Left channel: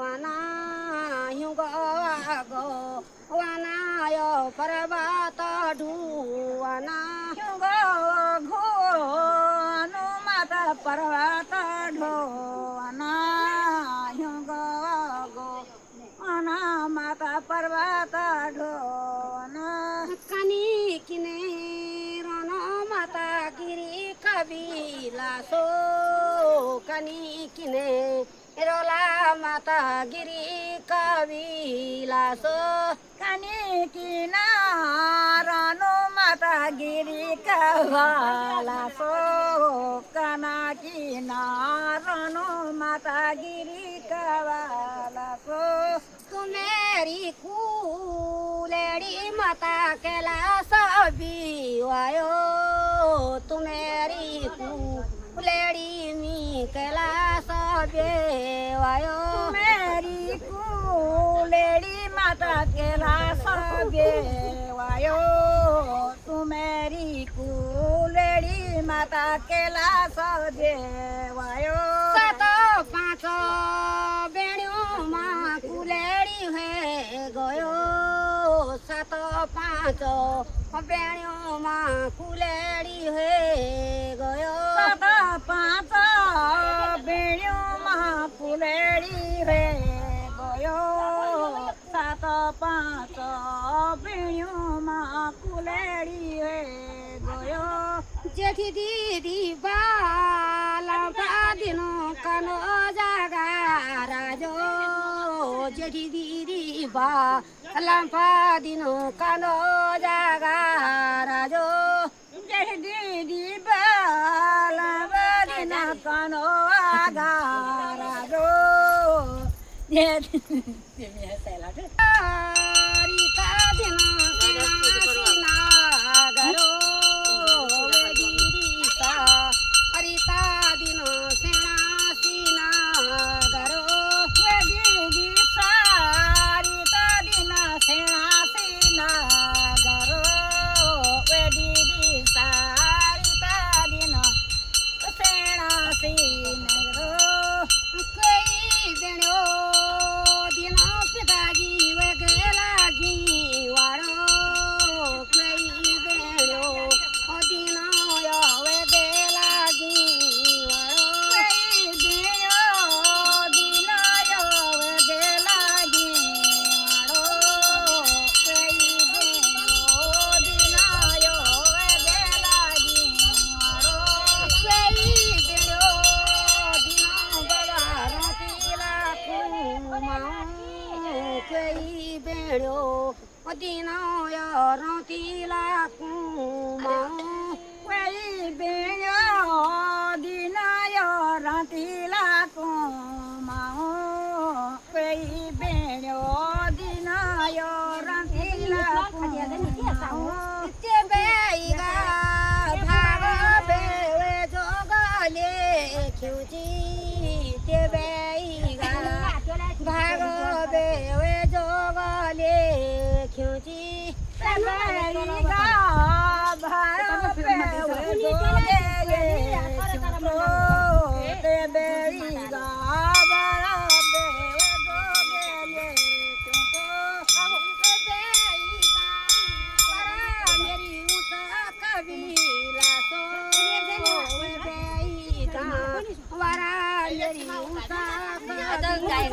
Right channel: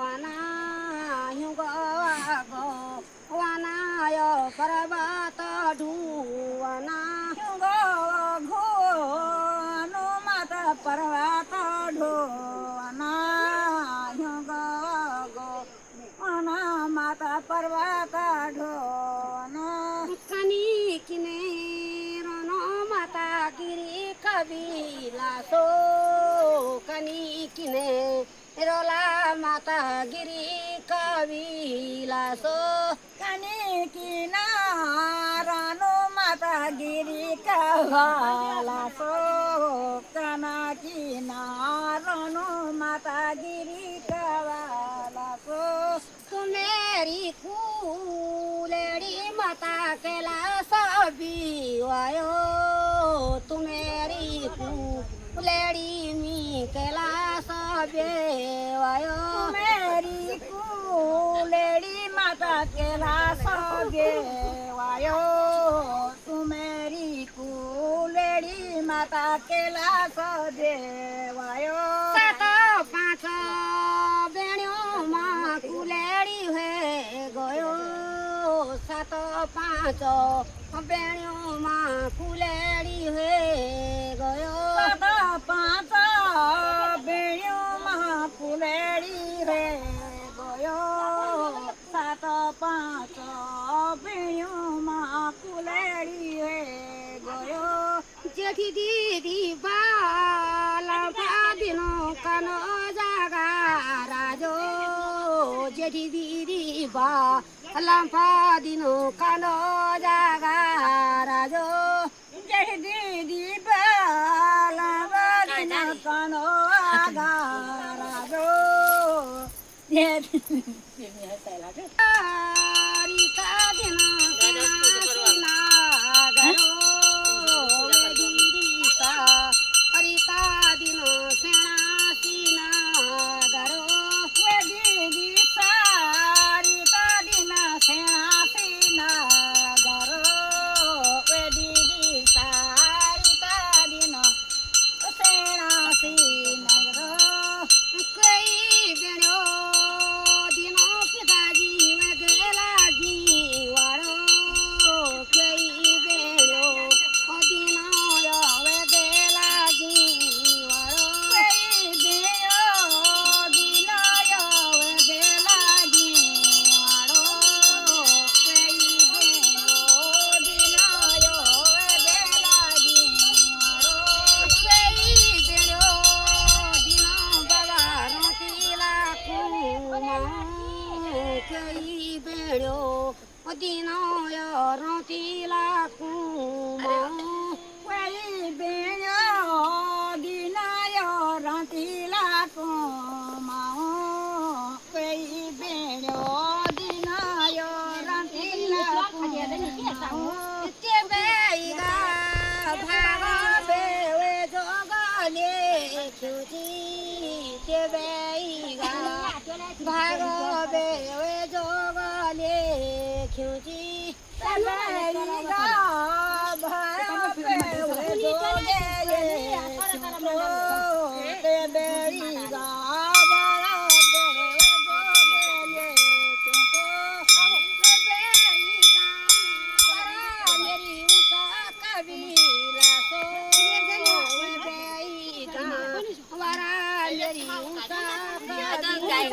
वाना गो वानाय पर्वत ढुवाना घो हनुमत पर्वत ढोना गो हनुमत पर्वत ढोना कनी किने रन माता गिरी कबिला सो कनी किने रोला माता गिरी कबिला सो कनी किनारानो माता गिरी कवाला सो कना किनारानो माता गिरी कवाला सो तुमेरी कुलेडी माता केला सबी वायो तुमेरी कुलेडी मी केला सबे वायो मेरी कुलेडी माता केला सबे वायो तू मेरी कुलेडी माता केला सबे वायो सात पाँच बेण्यो मा कुलेडी हे गयो सात पाँच बेण्यो मा कुलेडी हे गयो सात पाँच बेण्यो मा कुलेडी रे गयो सात पाँच बेण्यो मा कुलेडी रे गयो जेठी दिदी बाला बादिनो कन जागा राजो जेठी दिदी बाला बादिनो कन जागा राजो जय दीदी बाला बदिना कनो आगारा गो रीता दिन सीना गरो दीदी रीता दिन सेना सीना गरो दीदी सारिता दिन सेना सीना गरो दीदी सारिता दिन सेना सीना गरो कोई बेण्यो दिन पिताजी वगेला गी वाड़ो कोई बेण्यो दिन वगेला गी वाड़ो केही बेड्यो दिन रतिला कुमाऊ कोही बेण्यो दिनाय रातिला कुमाऊ कोही बेण्यो दिनाय रातिला कुमाऊ ते बेगा भावे जोगले खिउची ते बेगा भागवे जोगले खिउची कबीला सो वारा मेरी ऊसा कबीला